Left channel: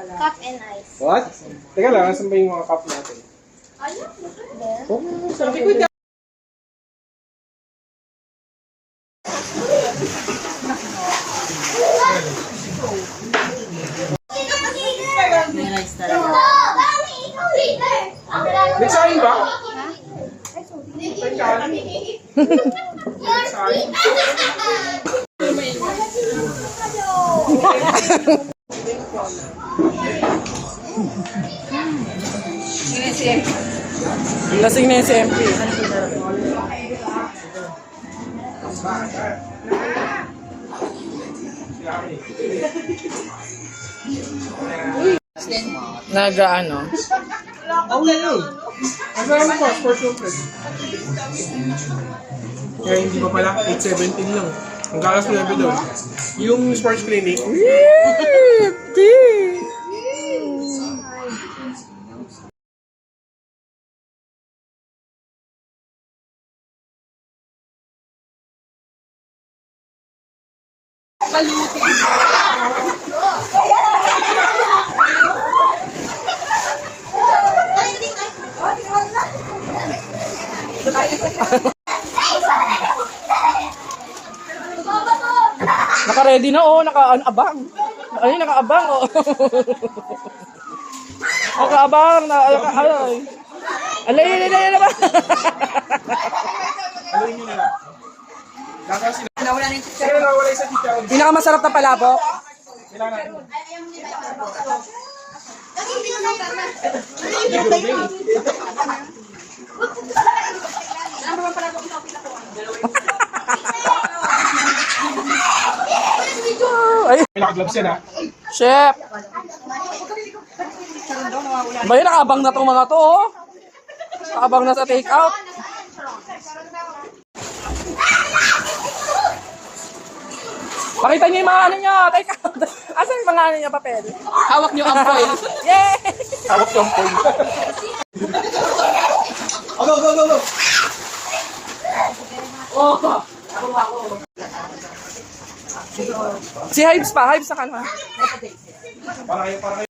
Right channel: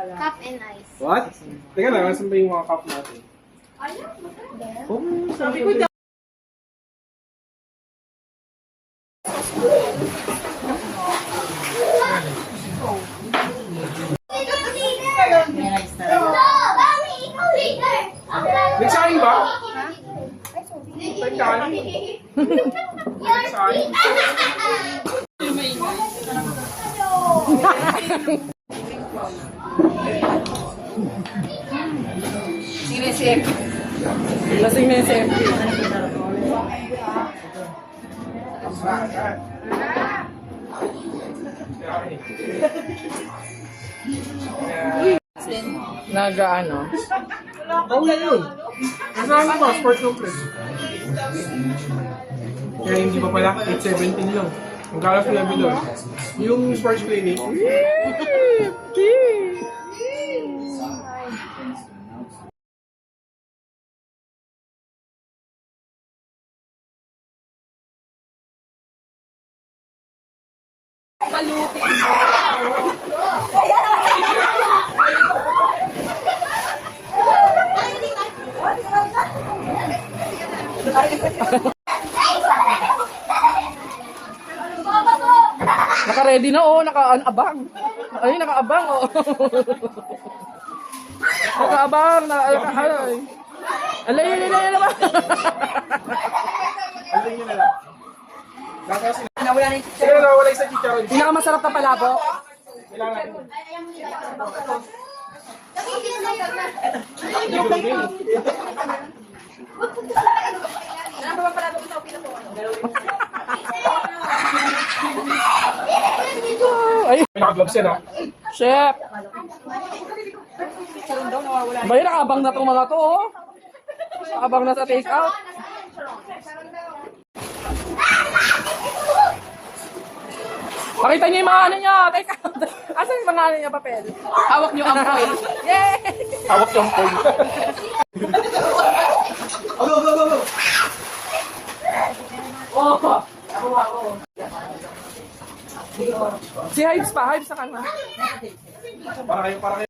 Cup and ice. What? Teka lang, nasan ba yung mga cup natin? There. Oh, sabi ko dyan. Nagsahin ba? Nagsahin? Lasing na yung si MP. Nag-ano? Oh, yun. Nasaan pa? Sports room press. Kaya hindi pa pala, 8:17 lang. Ang galas mo namin doon. Yung sports clinic. Naka-ready na, oh. Naka-abang. Ay, naka-abang, oh. Naka-abang. Ay. Alay naman. Alin nyo na lang. Lakasin na. Nawala na yung chicharon. Pero nawala yung sa chicharon. Pinakamasarap na palabo. Kailangan. Ay, May naka-gloves yan, ha? chef. Ba yun, nakaabang na itong mga to, oh. Nakaabang na sa take-out. Pakita niyo yung mga ano niya. Take-out. Asan yung mga ano niya, papel? Hawak niyo ang foil. Yay! Hawak yung point. Go, go, go, go! Oh! Si Hives pa. Hives na ka na. Para kayo, para kayo.